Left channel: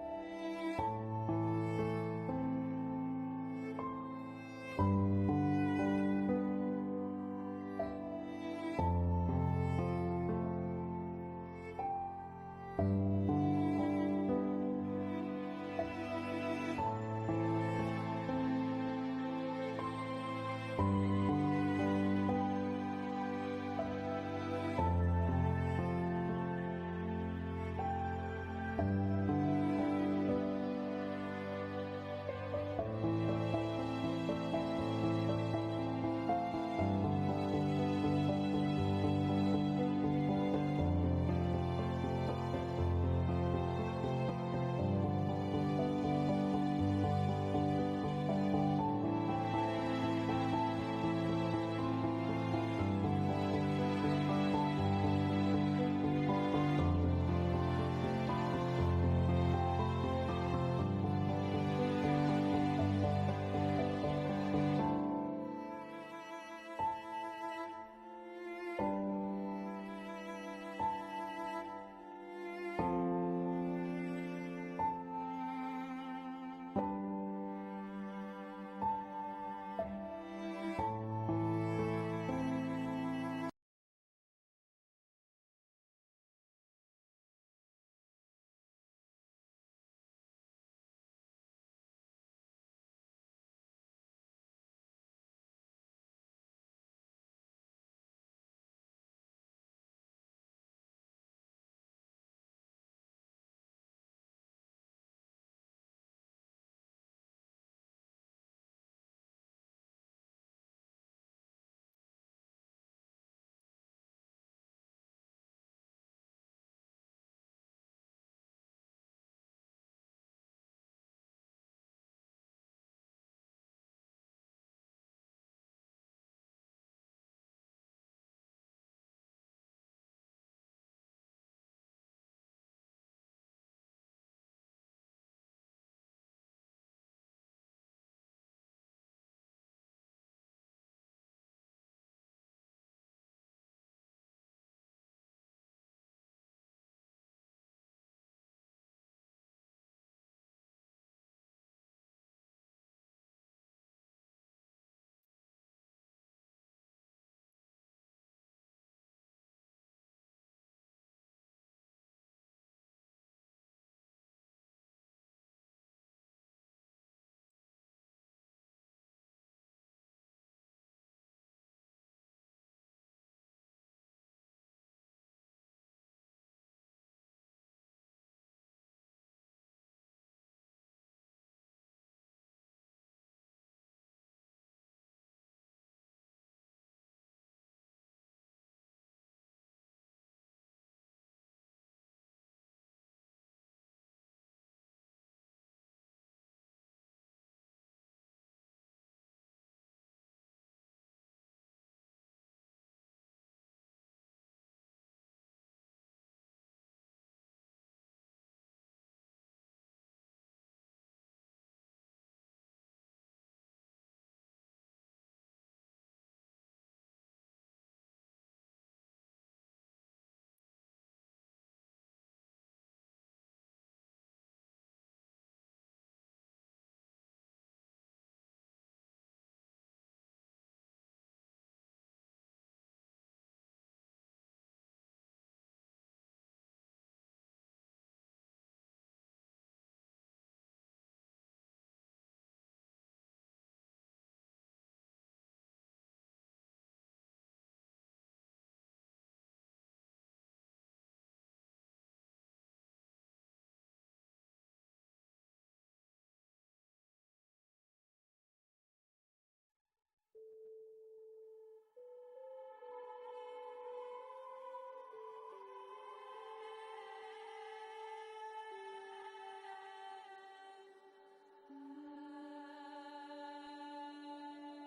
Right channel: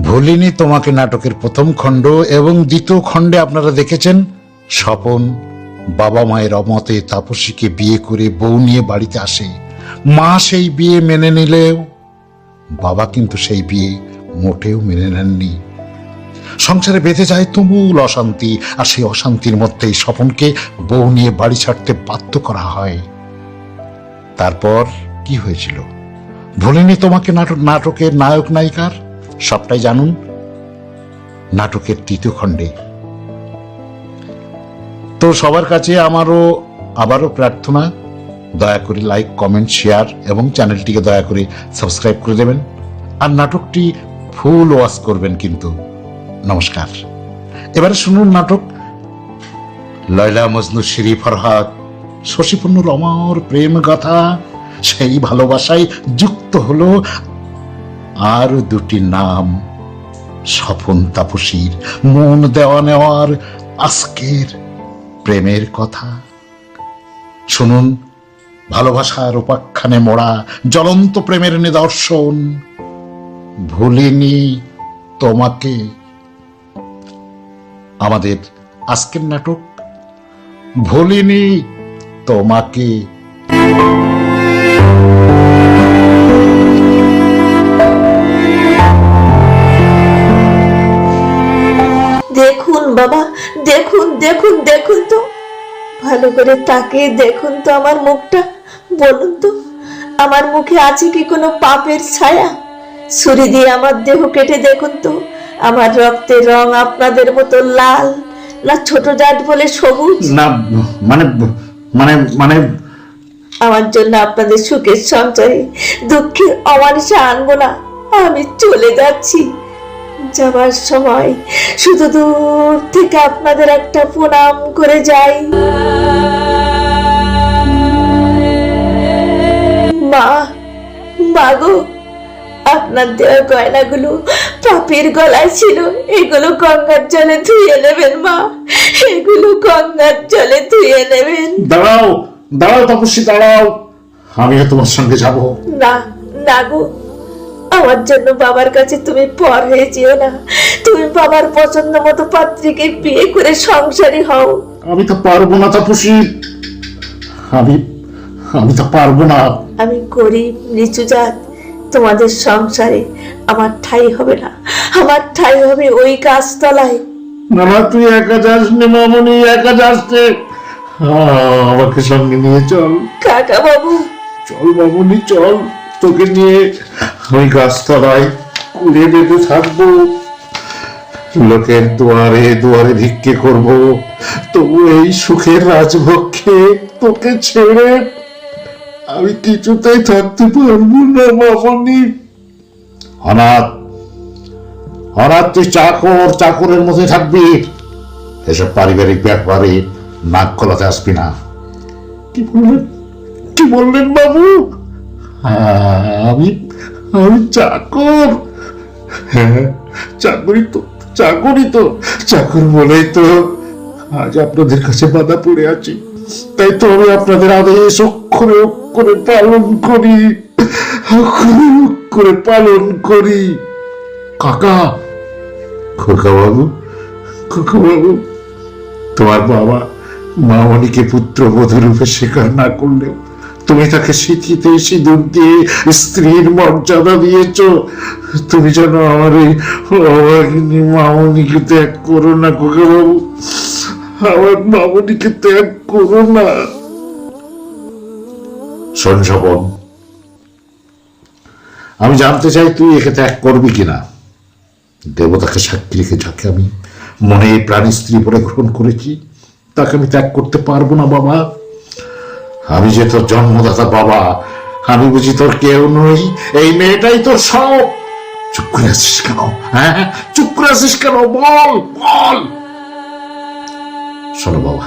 ভুলিনি তোমাকে নাটকের প্রথম খণ্ড এবং দ্বিতীয় খণ্ডে আপনারা দেখেছেন স্বপন বাবা মায়ের অমতে তাপসীকে বিয়ে করে বউ নিয়ে বাড়িতে আসে। মা সেই বিয়ে মেনে নিলেও বাবা কিন্তু সেই বিয়ে মোটেও মেনে নেননি। সংসারে বেঁধে যায় তুমুল অশান্তি, আর সেই অশান্তির মধ্যেই স্বপনকে বউ নিয়ে বাড়ি ছাড়তে বাধ্য করা হয়। তারপর কি হয়েছিল ভুলিনি তোমাকে নাটকের নায়ক নায়িকার সবটাই জানুন নাটকের তৃতীয় খণ্ডে। তো সবার কাছে আবারও প্রার্থনা, দয়া করে লাইক, কমেন্ট, শেয়ার এবং চ্যানেলটিকে দয়া করে সাবস্ক্রাইব করে দেবেন, আর নাটকটি ফুল ওয়াচ করবেন কিন্তু। নমস্কার। এবারে শুনুন নাটক লয়লা মজনু শিরি ফরহাদ শশীপূর্ণর অমর প্রেম গাথা। সেই ভালোবাসায় যুক্ত হলো আর দুটি নাম, স্বপন তাপসীর মন দেওয়া নেওয়ার আজকের প্রেমের কথা। শুনুন ভালোবাসার উপাখ্যানে মোড়া জ্বলন্ত প্রেমের নিদর্শন ভুলিনি তোমাকে। আমাদের আজকের নাটক ভুলিনি তোমাকে। দেখুন বাবা, দেখুন দেখুন দেখুন তো, ভালো করে তাকিয়ে দেখুন তো আমার মুখটা। বলুন তো আমার মুখে আছে কি কোনো পাপের ছায়া? ছুরি দিয়ে আমার দেহ কেটে দেখুন তো, আমার রক্তের রং আপনাদের মতো লাল, না ছোট জাত বলে সবুজ? না মানে মানে মানে আমার জন্য আপনাদের সুখের সঞ্চয়ে দুঃখের অমানিসা আনবো না। আমি চলে যাচ্ছি। যাবার সময় শুধু দূর থেকে আপনাদের একটা প্রণাম করে যাই। মা, মাগো, আপনার দেওয়া গয়নাগুলো পাপের গলায় ছিল, এগুলো গঙ্গার জলে ধুয়ে নেবেন মা, এগুলো গঙ্গার জলে ধুয়ে নেবেন। দাঁড়াও দাঁড়াও তাপসী, দাঁড়াও, আমিও তোমার সঙ্গে যাব। না না গো, আমার জন্য বাবার কাছে তুমি পর হয়ে যেও না। তুমি বাবার পছন্দ মতো পাত্রীকে বিয়ে করে সংসারী হও। আমি তো পারবো না তাপসী, আমি তো পারবো না। আমি গরিব নিচু জাত, তোমাদের সংসারে আমার ঠাঁই হবে না। আমার ঠাঁই হবে ওই গাছতলায়। না না, তুই একা যাস নে মামনি, একা যাস নে, আমাকে সঙ্গে নিয়ে চল। কাকা বাবু, চল মামনি চল, তোকে নিয়ে ওই গাছতলায় কুড়ে বেঁধে থাকবো, লোকের দুয়ারে দুয়ারে ভিক্ষে করব, তবু এই সুখের রাজভক্ষে তোকে ছেড়ে আমি কিছুতেই থাকতে পারবো না মামনি। অনাথ অনাথ, তুই চাকরের মধ্যে থাকবি, এসব পারিবারিক ব্যাপারে নাক গলাতে আসবি না। কি বললেন বাবু? আমি আমি চাকর? হ্যাঁ, চাকরি তো চাকর বলেই তো আজ আপনাদের কাছে বাধা পড়ে আছি। তাই তো আমি আপনাদের আদেশ অক্ষরে অক্ষরে পালন করি। কাকা, খোকা বাবু, তোমার বাবা মামনিকে পুত্রবধূ রূপে স্বীকার না করলেও তুমি তাকে সিঁথিতে সিঁদুর দিয়ে স্ত্রীর মর্যাদা দিয়েছ। তুমি যেন আমার এই অভাগিনী মামনিকে ত্যাগ করো না খোকা বাবু, আমার মামনিকে ত্যাগ করো না। শোন স্বপন, আমি জানতে চাই তুই একে ত্যাগ করবি কিনা। দেবতাকে সাক্ষী রেখে যাকে আমি মনে প্রাণী স্ত্রী বলে গ্রহণ করেছি, তাকে আমি ত্যাগ করতে পারবো না বাবা। আমি যে তোর জন্মদাতা বাবা, আমি বুঝি তোর কেউ নই? এই মেয়েটাই তোর সব। চুপ করে আছিস কেন? হ্যাঁ, চুপ করে আছিস কেন? বল বল। শোনো বাবা,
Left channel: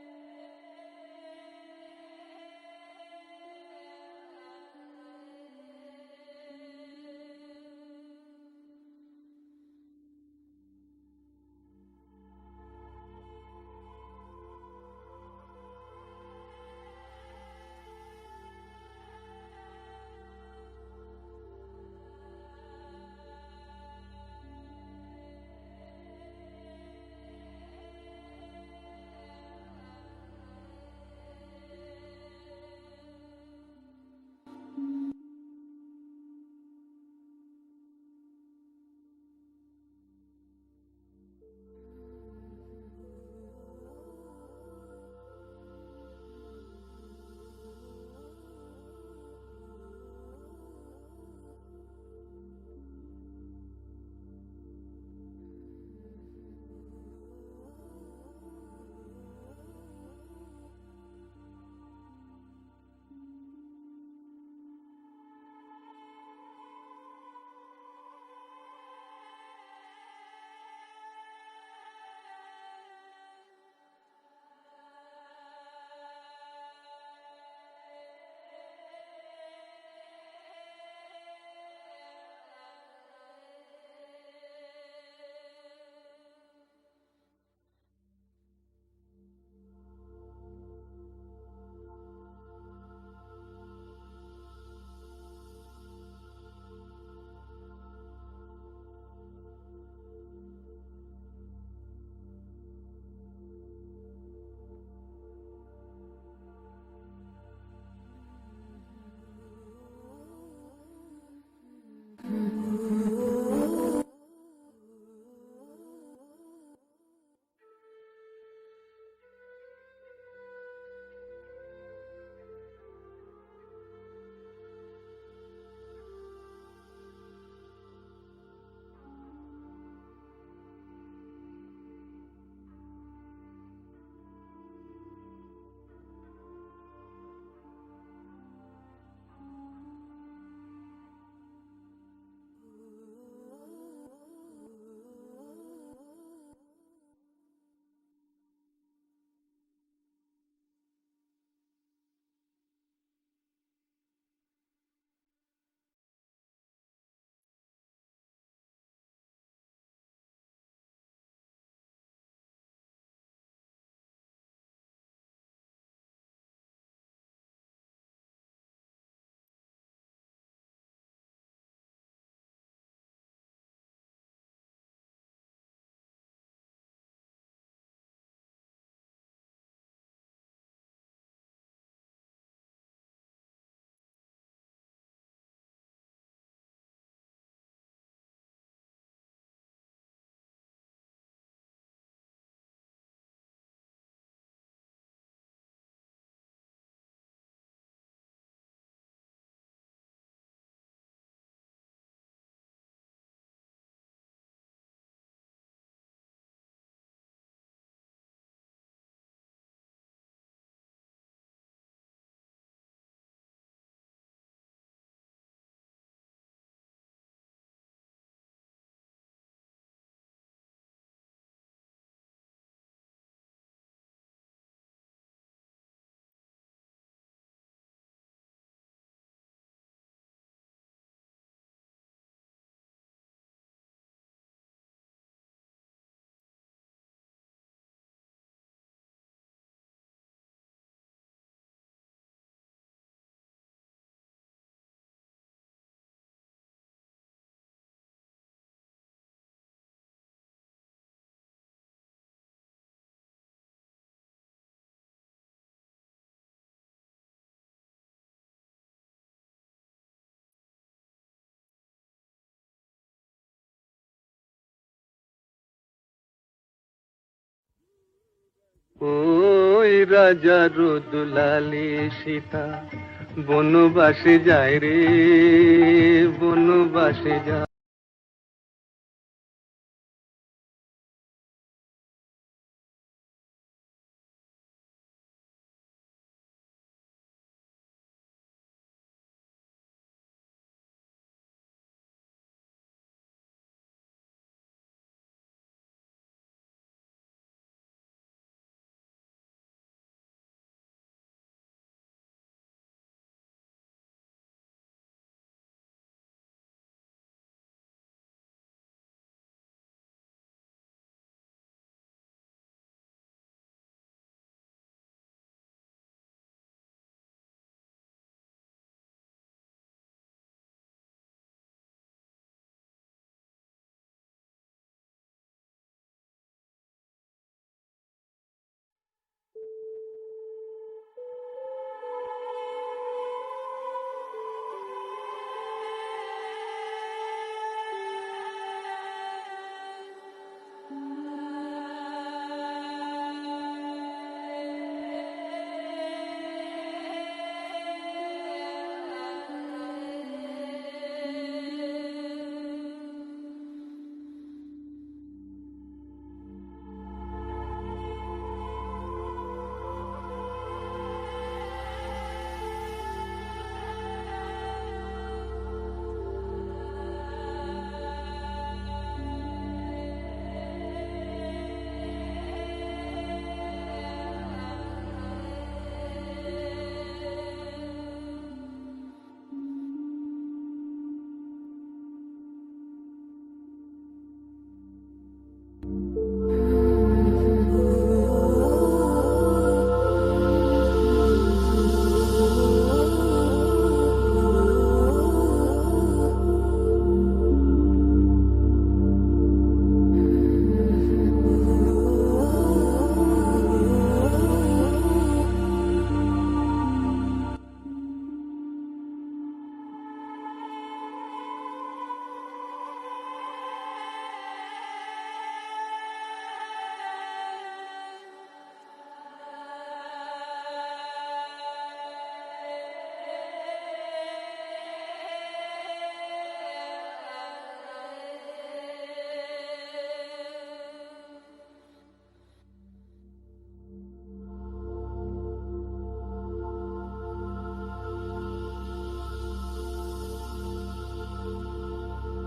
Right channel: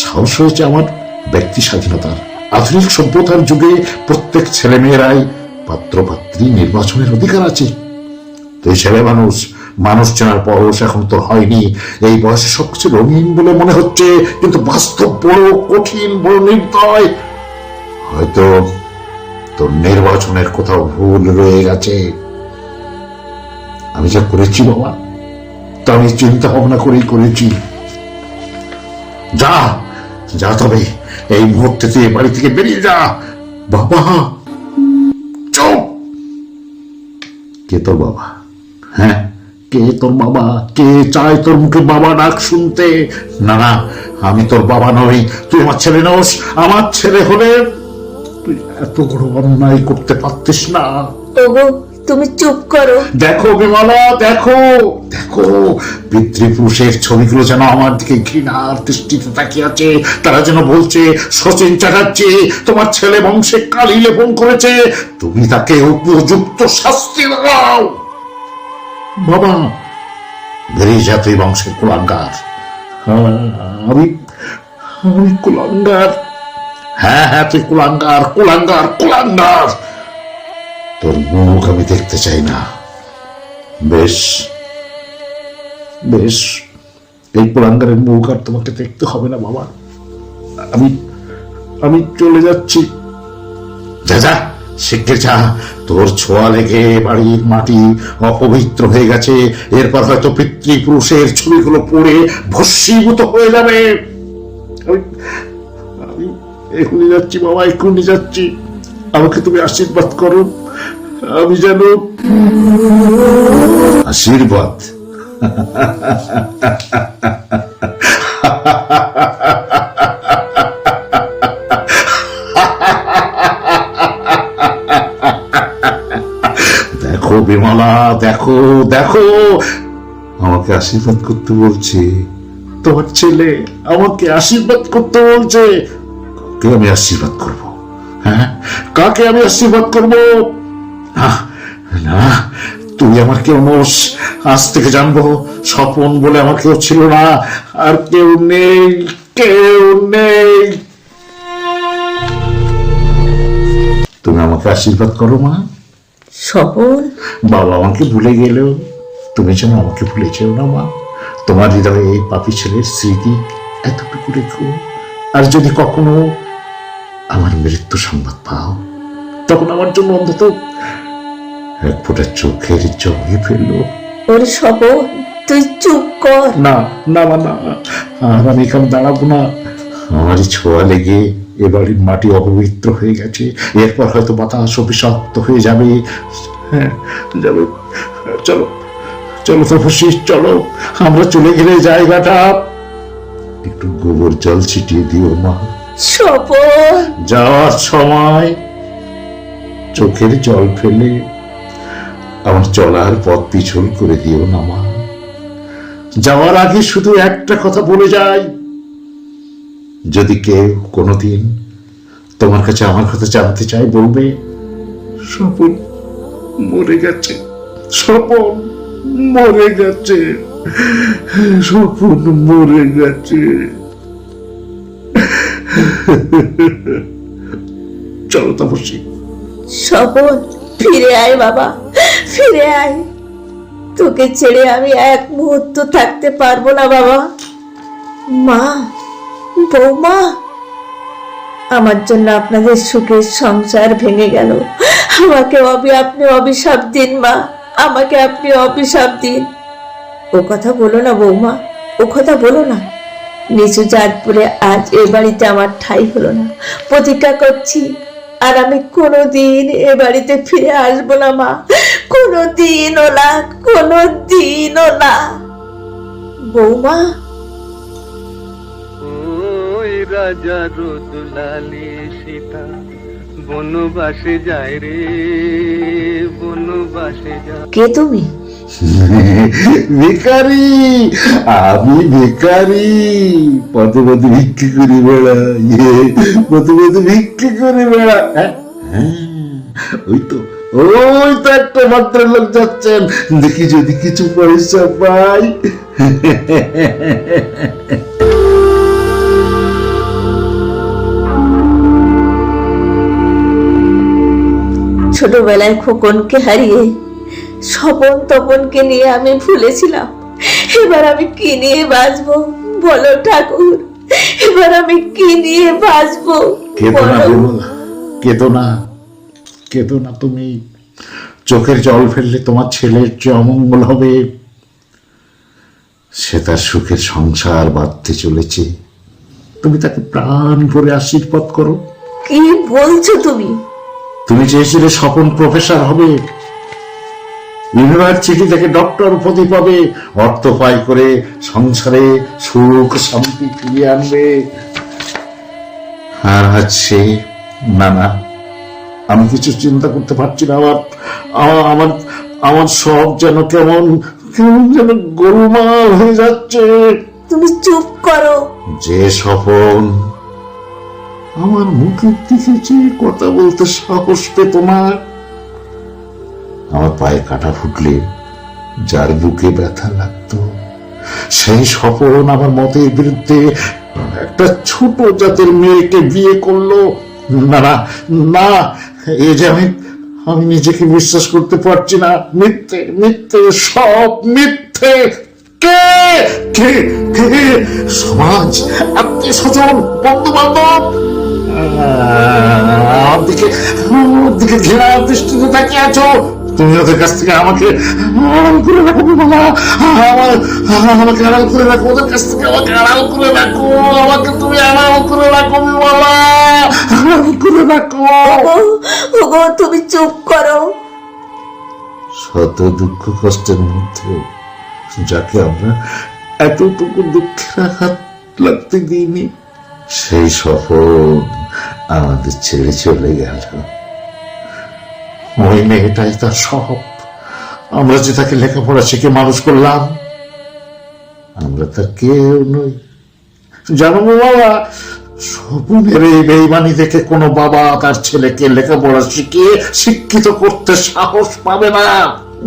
সাহস হয়েছে আমার ব্যক্তি স্বাধীনতার। আধুনিক সভ্যতার যুগে প্রত্যেক ছেলে মেয়েরাই পাত্র পাত্রী নির্বাচনের অধিকার আছে। তুই ছেলে মানুষ, মানুষ চেনার বয়স এখন তোর হয়নি। এই বয়সে সবকিছু রঙিন বলে মনে হচ্ছে, কিন্তু বাস্তব বড় কঠিন, বড় নির্দয়। হয়তো তোর নির্বাচনের কোথাও ভুল রয়ে গেছে। আমি যা করেছি বাবা, তা আমি চিন্তা ভাবনা করেই করেছি। যা যা, তবে এই মুহূর্তে তুই এ বাড়ি থেকে বেরিয়ে যা। বাবা চুপ! কে তোর বাবা? হ্যাঁ, কে তোর বাবা? কে চায় তোর মুখে বাবা ডাক শুনতে? না না, আমি তোর বাবা নই, তুই আমার ছেলে নোস। আমার ছেলে হলে তুই এত বড় অন্যায় করতে পারতিস না। ওগো, তুমি চুপ করো। দেখো বিমলা, দেখো দেখো, পিতৃপুরুষের ছবিগুলো যেন আমার দিকে ঘৃণার দৃষ্টিতে তাকিয়ে আছে। তারা যেন বলছে, শচীন চ্যাটার্জি তোমার ছেলে বংশে কালি লেপন করেছে, তুমি তাকে উপযুক্ত শাস্তি দাও। বাবা, বেরিয়ে যা, তুই বংশের কুলাঙ্গার। আমি আমি কুলাঙ্গার? হ্যাঁ হ্যাঁ, তুই কুলাঙ্গার, কুলাঙ্গার, কুলাঙ্গার। তোর মুখ আমি দেখতে চাই না। বেশ বেশ, এই কুলাঙ্গারের মুখ আর তোমাকে দেখতে হবে না বাবা। আমি আমি চলে যাচ্ছি। যা যা, শিগগির যা। তোর ছোঁয়া লেগে বাড়ির মাটি অপবিত্র হয়ে গেছে। এরপর হয়তো পিতৃপুরুষের ছবিগুলো পড়ে ভস্মীভূত হয়ে যাবে। আমি আমি এখনই যাচ্ছি বাবা, এখনই যাচ্ছি। আমাকে তুমি আশীর্বাদ করো, আমি যেন। আশীর্বাদ? দেখো বিমলা, দেখো দেখো, আমাকে আশীর্বাদ করতে বলছে তোমার ছেলে, আমাকে আশীর্বাদ করতে বলছে। কাকে আমি আশীর্বাদ করব? হ্যাঁ, কাকে আমি আশীর্বাদ করব? না, তুই আমার কেউ নোস। আজ থেকে জানবো, স্বপন বলে আমার কেউ ছিল না, আর কেউ নেই, কেউ নেই। তুমি আমাকে আশীর্বাদ করো মা। স্বপন? বাবা আমাকে ভুলে গেলেও তুমি যেন আমাকে ভুলে যেও না মা। তোমার হৃদয়ে এই পাপী ছেলের স্মৃতি এতটুকু রেখো। আর যদি কখনো আমার মৃত্যু সংবাদ পাও, তখন আমার জন্য অন্তত এক ফোঁটা চোখের জলে ফেললো। ওরে স্বপন, তুই চুপ কর। না না না, আর আমি এখানে দাঁড়াবো না। আমারই ছোঁয়া লেগে এ বাড়ির মাটি অপবিত্র হয়ে গেছে। এরপর হয়তো বাতাস অভিশপ্ত হয়ে যাবে। হ্যাঁ যাবে। চলো চলো তপস্বী, চলো, আমরা চলে গেলে জায়গাটা একটু গোবর জল ছিটিয়ে দিও মা। স্বপন, যাওয়ার সময় চোখের জল ফেলে আমার চলার পথ পিছল করে দিও না মা। যাওয়ার আগে শুধু একটা কথা বলে যাই, যদি কেউ কোনোদিন তোমার কাছে আমার কথা জানতে চায়, বলবে স্বপন মরে গেছে, স্বপন মরে গেছে, স্বপন মরে গেছে। চলো তপস্বী। স্বপন, ফিরে আয় বাবা, ফিরে আয়। তোকে ছেড়ে আমি এক মুহূর্ত থাকতে পারবো না বাবা। মা, বৌমা, আমার জন্য আপনাদের সুখের সংসার ভেঙে গেল। আমাকে আপনি অভিশাপ দিন মা, আমাকে আপনি অভিশাপ দিন। ও কথা বলো না বৌমা, ও কথা বলো না। নিচু জাতপুরে আজ এ বাড়িতে আমার ঠাঁই হলো না, প্রতিজ্ঞা করছি আর আমি কোনোদিন এ বাড়িতে ফিরে আসবো না মা, কোনোদিনও না, কোনোদিনও না। বৌমা। ওই রাজা রোদুলালি সীতা বনবাসে যায় রে, বনবাসে যায়। কে তুমি? ভিখারি, আমি ভিখারি, পদে পদে ভিক্ষে করে বেড়াই, পদে পদে ভিক্ষে করে বেড়া। ওই তো, ওই তো একটা ভদ্রলোক যাচ্ছেন, দেখি যদি কিছু পয়সা পাই। ছোটবেলায় খোকনকে হারিয়ে স্বপন তপনকে নিয়ে আমি ভুলেছিলাম। এবার আমি কি নিয়ে বাঁচবো বলো ঠাকুর, এবার আমি কি নিয়ে বাঁচবো? কেঁদো না, কেঁদো না, কেঁদো না তুমি। চোখের জল ফেললে তোমার ছেলের যে অমঙ্গল হবে। সে তার সুখের সংসার বাঁধতে চলেছে, তুমি তাকে প্রাণ ভরে আশীর্বাদ করো। কি বলছো তুমি? তুমি চেয়েছিলে স্বপন প্রফেসর হবে, ইউনিভার্সিটি থেকে ডক্টর উপাধি পাবে, অর্থ পাই করে সংসারে সুখ শান্তি ফিরিয়ে আনবে। আর আজ সে না না, আমি কিছু চিন্তা করতে পারছি না। আমার আমার সব যেন কেমন কেমন যেন গোলমাল হয়ে যাচ্ছে। তুমি চুপ করো। যে স্বপন আমার মুখের দিকে যে কথা বলতে সাহস পেত না, আমার পায়ে কাটা ফুটলে যার বুকে ব্যথা লাগতো, সেই স্বপন আমার মতের বিরুদ্ধে একটা ছোট জাতের মেয়েকে বিয়ে করলো। না না না, এ যে আমি নিজেকে বিশ্বাস করতে পারছি না। মিথ্যে মিথ্যে, সব মিথ্যে। কে কে কে? সমাজ, আত্মীয় স্বজন, বন্ধু বান্ধব আমার দিকে ঘেরা দৃষ্টিতে তাকিয়ে আছো। তুমি ওদের কাছ থেকে আমাকে আড়াল করে রাখো বাবা, আমাকে আড়াল করে রাখো, ওদের কাছ থেকে আমাকে আড়াল করে রাখো, আমাকে তুমি আড়াল করে রাখো বাবা, আড়াল করে রাখো। ওগো তুমি চুপ করো। শত দুঃখ কষ্টের মধ্যে যাকে আমরা এতটুকু দুঃখের আঘাত লাগতে দিইনি, সেই সফল আমাদের ছেড়ে চলে গেল। ওই মেয়েটাই তার সব। আমরা যে তাকে লেখাপড়া শিখে মানুষ করলাম, আমরা তার কেউ নই। জানো বাবা, স্বপনের এই বেইমানি দেখে কোনো বাবা তার ছেলেকে লেখাপড়া শিখিয়ে শিক্ষিত করতে সাহস পাবে না।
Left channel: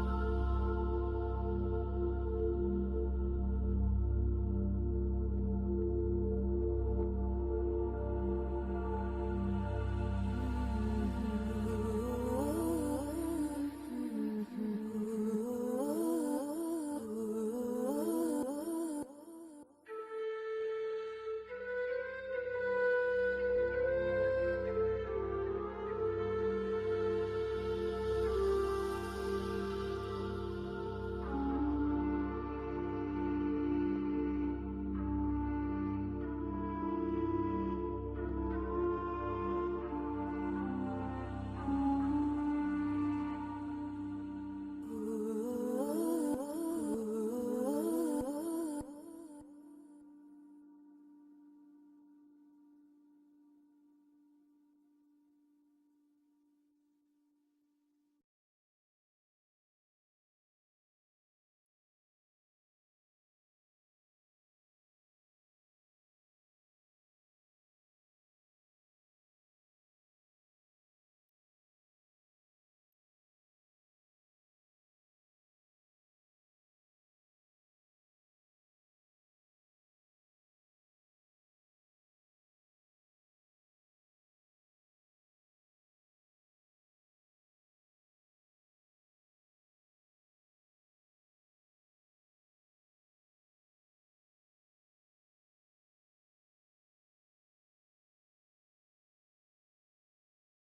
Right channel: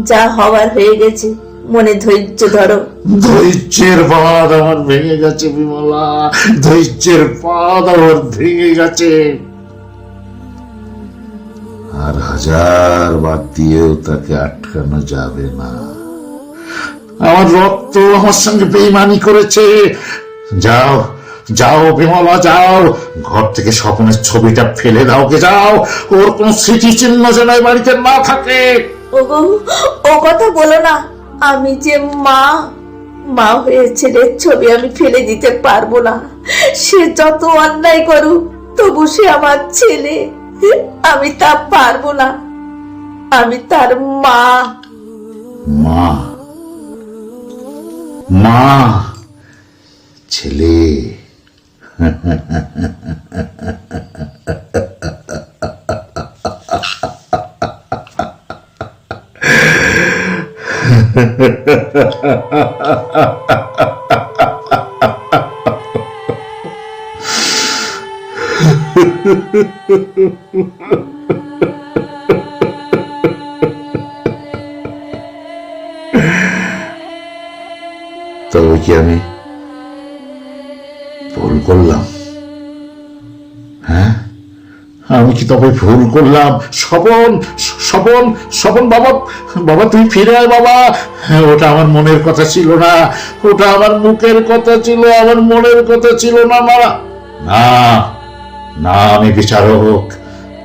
যা হওয়ার হয়ে গেছে, মনে ধৈর্য ধরো। ধৈর্যের বাঁধ আমার ভেঙে গেছে বিমলা, ধৈর্যের বাঁধ আমার ভেঙে গেছে। আর হাজার বাদ দিয়েও তাকে আটকানো যাবে না। আমার রক্ত আমার সঙ্গে বেইমানি করেছে। যাও যাও বিমলা, যাও, ঘর থেকে স্বপ্নের ছবিটা ফেলে দাও গে, যাও। ওর কোন স্মৃতি চিহ্ন যেন এই বাড়িতে না থাকে। ওগো, ও কথা বলো না। আমি যে মা হয়ে ছেলের ছবি আমি ফেলে দিতে পারবো না। সে যত অন্যায় করুক, তবু সে আমার ছেলে, আমি তা পারবো না। আমি তার মা। মা মা ছেলে তবে কি আমি ভুল করলাম? হ্যাঁ, আমি কি তবে ভুল করলাম? স্বপন স্বপন স্বপন, বাবা বাবা তুমি ফিরে আয় বাবা। ওটা আমার মনের কথা ছিল না, ওটা আমার মুখের কথা ছিল, আমার মনের কথা ছিল না। না না না, আমি বিচারক,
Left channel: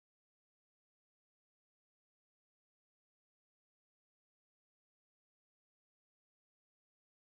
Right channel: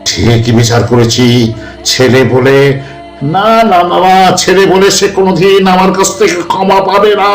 ঠিকই বিচার করেছি। ছেলে বলে না না না, ছেলে বলে সে কোনোদিন আমার কাছ থেকে ক্ষমা পাবে না।